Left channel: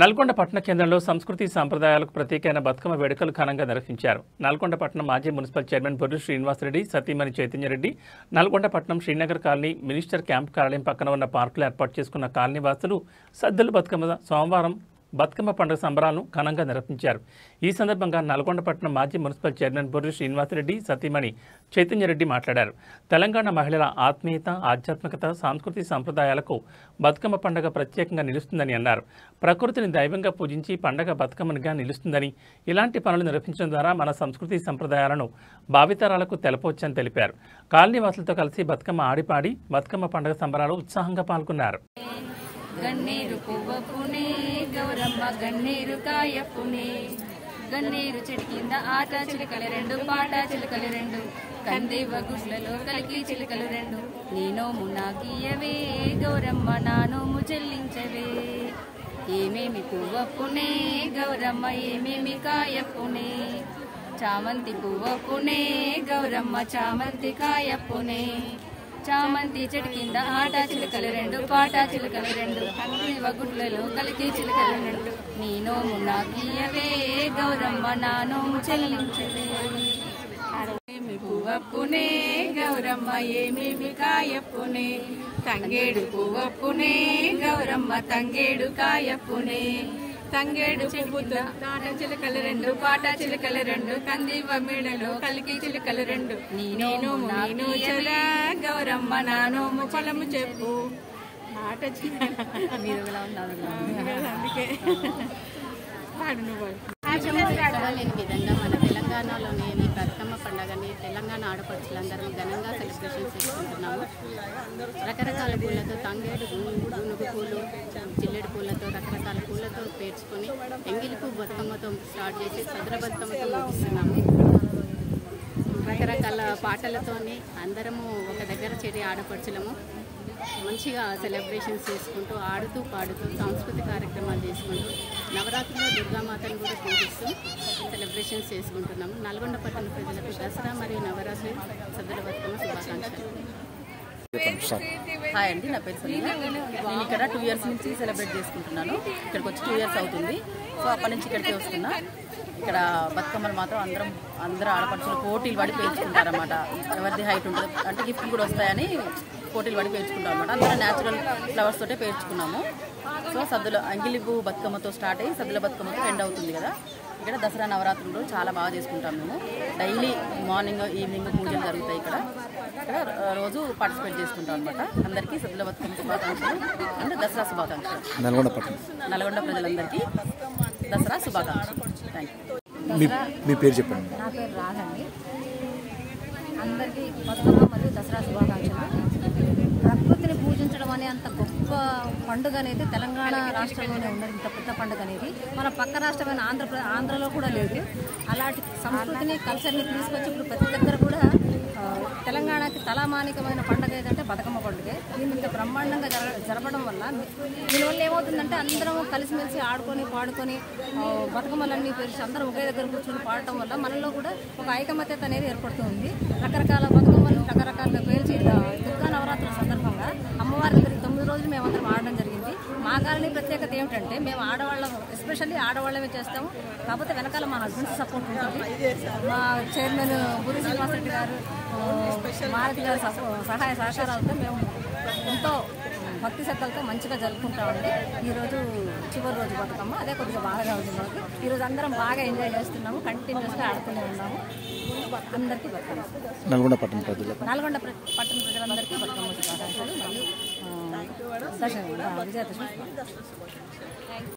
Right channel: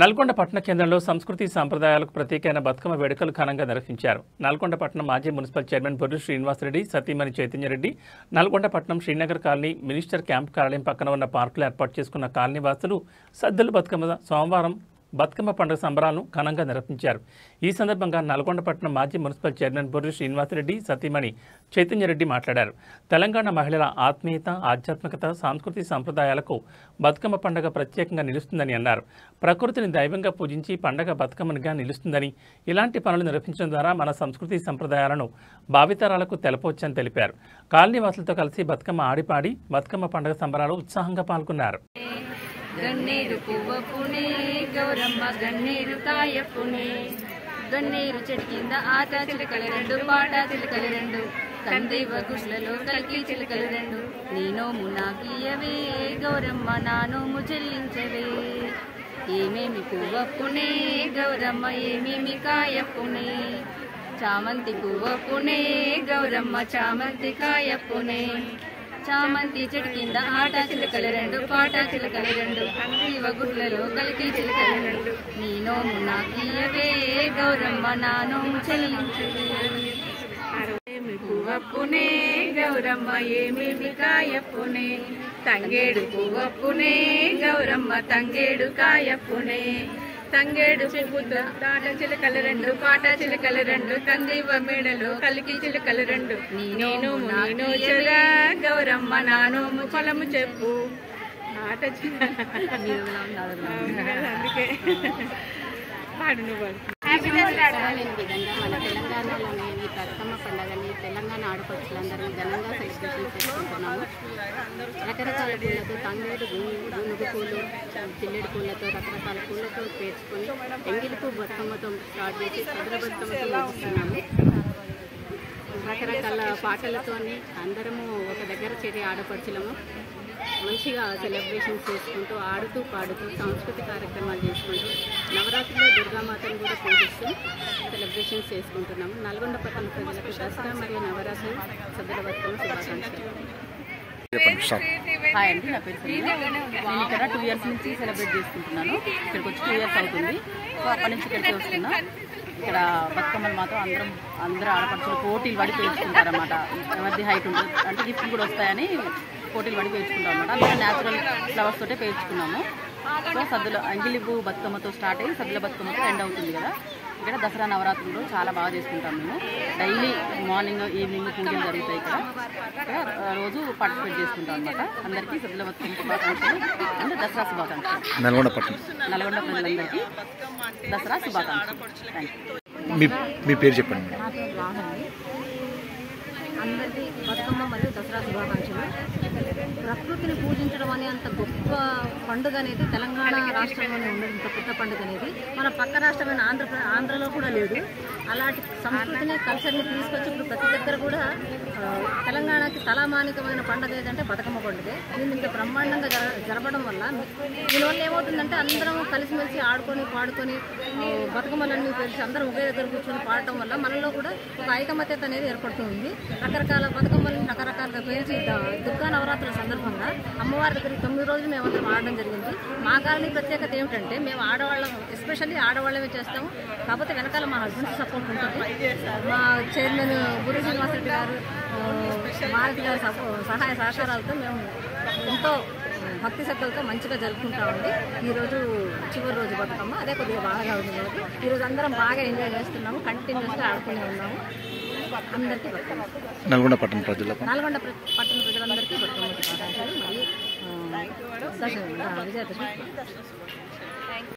నల్గొండ పట్టణ కేంద్రంలో సంస్కృతి సాంప్రదాయాలకు ప్రత్యేకమైన బతుకమ్మ వేడుకలు ఘనంగా నిర్వహించారు. నల్గొండ పట్టణం మాజీ మున్సిపల్ చైర్మన్ బొర్రు శ్రీనివాసరెడ్డి, సతీమణి చైతన్యరెడ్డి నల్గొండ పట్టణం శ్రీనగర్ కాలనీ మినిస్టర్ క్యాంప్ కార్యాలయం పక్కన ఉన్న పార్కులో ఏర్పాటు చేసుకున్న కాలనీ వాసులు సద్దుల బతుకమ్మ సోమవారం బతుకమ్మ పండుగ సంబరాలను ఘనంగా నిర్వహించారు. ఈ సందర్భంగా నల్గొండ పట్టణం మాజీ మున్సిపల్ చైర్మన్ బొర్రు శ్రీనివాసరెడ్డి, సతీమణి చైతన్యరెడ్డి మాట్లాడారు. తెలంగాణ మహిళల ఆత్మీయత, ఆధ్యాత్మికత, సాంస్కృతిక సంప్రదాయాలకు బతుకమ్మ పండుగ ప్రత్యేకంగా నిలుస్తుందని అన్నారు. ప్రకృతిని దైవంగా పూజించి పండుగ బతుకమ్మనిగా నిలుస్తుందని, ఇలాంటి పనులు నిర్వహించడం ద్వారా మన సంస్కృతి సంప్రదాయాలను భావితరాలకు తెలపవచ్చని తెలిపారు. కాలనీవాసులతో కలిసి బతుకమ్మ ఆడిపాడి బతుకమ్మ పండుగ సంబరాలు ఉత్సాహంగా పాల్గొన్నారు. గన్నేరు పువ్వపునే గౌరమ్మ గన్నేరు కాయపునే గన్నేరు చెట్టు కింద ఆట చిలుకలు రెండు, పాట చిలుకలు రెండు, కందేవ గుడ్లలో కలికి చిలుకలు రెండు, నీ నోము నాకియవే గౌరమ్మ నా నోము చెల్లించవే. ఏమేమి పువ్వపునే గౌరమ్మ ఏమేమి కాయపునే, చామంతి పువ్వపునే గౌరమ్మ చామంతి కాయపునే, చామంతి చెట్టు కింద ఆట చిలుకలు రెండు, పాట చిలుకలు రెండు, కందేవ గుడ్లలో కలికి చిలుకలు రెండు, నీ నోము నాకియవే గౌరమ్మ నా నోము చెల్లించవే. ఏమి పువ్వపునే గౌరమ్మ ఏమేమి కాయపునే, తంగేడు పువ్వపునే గౌరమ్మ తంగేడు కాయపునే, తంగేడు పువ్వుతో తాట చిలుకలు రెండు, పాట చిలుకలు రెండు, కందివ మేడలో కలికి చిలుకలు రెండు, నేను నాను చెరా గౌరమ్మ నానోము పొలము చెప్పు. ఆట అందుకే విధంగా మన తెలంగాణలోని ఈ బతుకమ్మ పండుగని తెలంగాణ ఆడపడుచులందరం ఘనంగా సెలబ్రేషన్ చేసుకుంటున్నాము. రకరకాల పూలతో తంగేడు, గునుగు పూలు, జిల్లెడు పూలతో రకరకాల పూలతో పేర్చుకొని ఎంగిలిపు బతుకమ్మతో స్టార్ట్ చేసి సదుర బతుకమ్మతో ముగిస్తున్నాము. రకరకాల పాటలతోని అందరము ఒక దగ్గర చేరి ఆడపడుచులము మంచిగా సెలబ్రేషన్స్ చేసుకుంటూ ఆడుతూ పాడుతూ సాంస్కృతిక కార్యక్రమాలు చేసుకుంటూ నవరాత్రిలో దుర్గామాతను కూడా పూజిస్తూ సెలబ్రేషన్స్ చేసుకుంటున్నాము. నల్గొండ పట్టణ ప్రజలకు దసరా మరియు నవరాత్రి సద్దుల బతుకమ్మ శుభాకాంక్షలు. హాయ్ అండి, నా పేరు సంధ్య. నేను ఇక్కడ 2 years నుంచి సెలబ్రేట్ చేసుకుంటున్నాను. ఇక్కడికి వచ్చి 2 years అవుతుంది. సో అప్పటి నుంచి ఇక్కడికే వస్తున్నా. ఇక్కడ బతుకమ్మలు మాత్రం అందరూ ఆడపడుచులు పోటీలు పడి పేర్చుకుంటారన్నమాట. ఎవరిది హైట్ ఉంటుంది అంటే గిఫ్ట్ కూడా వస్తాయని పోటీలు పడి పేర్చుకుంటాం అనమాట. మేము న్యాచురల్ ఫ్లవర్స్ తోటే పేర్చుకున్నాము. సో సద్దుల అంగిలిపు బతుకమ్మతో స్టార్ట్ అయ్యి సద్దుల బతుకమ్మతో ఎండ్ అవుతుంది కదా. ఇక్కడ దసరా నవరాత్రులు చాలా బాగా చేసుకుంటాం మేము. డైలీ మార్నింగ్ ఈవినింగ్ పూజలు జరుగుతాయి. ఇక్కడ రోజు పార్టిసిపేట్ చేసుకుంటాం అనమాట. అందరికీ సద్దుల బతుకమ్మ శుభాకాంక్షలు అండ్ దసరా శుభాకాంక్షలు. నల్గొండ ప్రజలందరికీ దసరా శుభాకాంక్షలు. మీ పేరు చెప్పండి. నా పేరు రాహండి. అందరికీ బతుకమ్మ మరియు దసరా శుభాకాంక్షలు. ప్రకృతిని పూజించడం అనే అంత గొప్ప పండుగ అనేది తెలంగాణ రాష్ట్రంలోనే ఉన్నది. ఇంత పెద్ద పండుగ అనేది మన పక్క రాష్ట్రమైన ఆంధ్రలో కూడా లేదు. అలాంటి సంస్కృతిని, కల్చర్ని తీసుకొచ్చి ఇప్పుడు ప్రతి దగ్గర కూడా తెలంగాణకి తలమానికమైన పండుగ ఏదంటే బతుకమ్మ పండుగే. దీన్ని ఇంత బ్రహ్మాండంగా జరపడం వల్ల దీనివల్ల ఏమవుతుందంటే అందరం కలిసిమెలిసి ఆడుకొని పాడుకొని బతుకమ్మలన్నీ తెలిసి అందరం ఒకే దగ్గర కూర్చొని పాడటం వల్ల మనలో కూడా ఒక ఐకమత్యత అనేది ఏర్పడుతుంది. రకరకాల బతుకమ్మలను రకరకాలుగా పేర్చి దుర్గా నవరాత్రుల సందర్భంగా అమ్మవారి దగ్గర 9 రోజులు మేమందరం ఆడడం జరిగింది. మా కాలనీ ప్రత్యేకత ఏమిటంటే మేము ఆడవాళ్ళం, ఎస్పెషల్లీ ఆడవాళ్ళమే చేస్తాము. కాకపోతే వెనకాల మా హస్బెండ్స్ సపోర్ట్ ఉంటుంది. మా చైర్మన్ బొర్రు శ్రీనివాసరెడ్డి గారు, మారుతి గారి సహాయ సహకారాలతో మేము ఎంతో భక్తి శ్రద్ధలతో మంచిగా జరుపుకుంటామండి. ఈరోజు చివరి రోజు బతుకమ్మ, అదే కొద్దిగా బాగా ఉంటుంది. ఈరోజు అందరం బాగా ఎంజాయ్ చేస్తున్నాము, కంటిన్యూస్గా ఆడుతూనే ఉన్నాము. అందరికీ బతుకమ్మ. నల్గొండ పట్టణ ప్రజలందరికీ బతుకమ్మ శుభాకాంక్షలు మరియు విజయదశమి శుభాకాంక్షలు.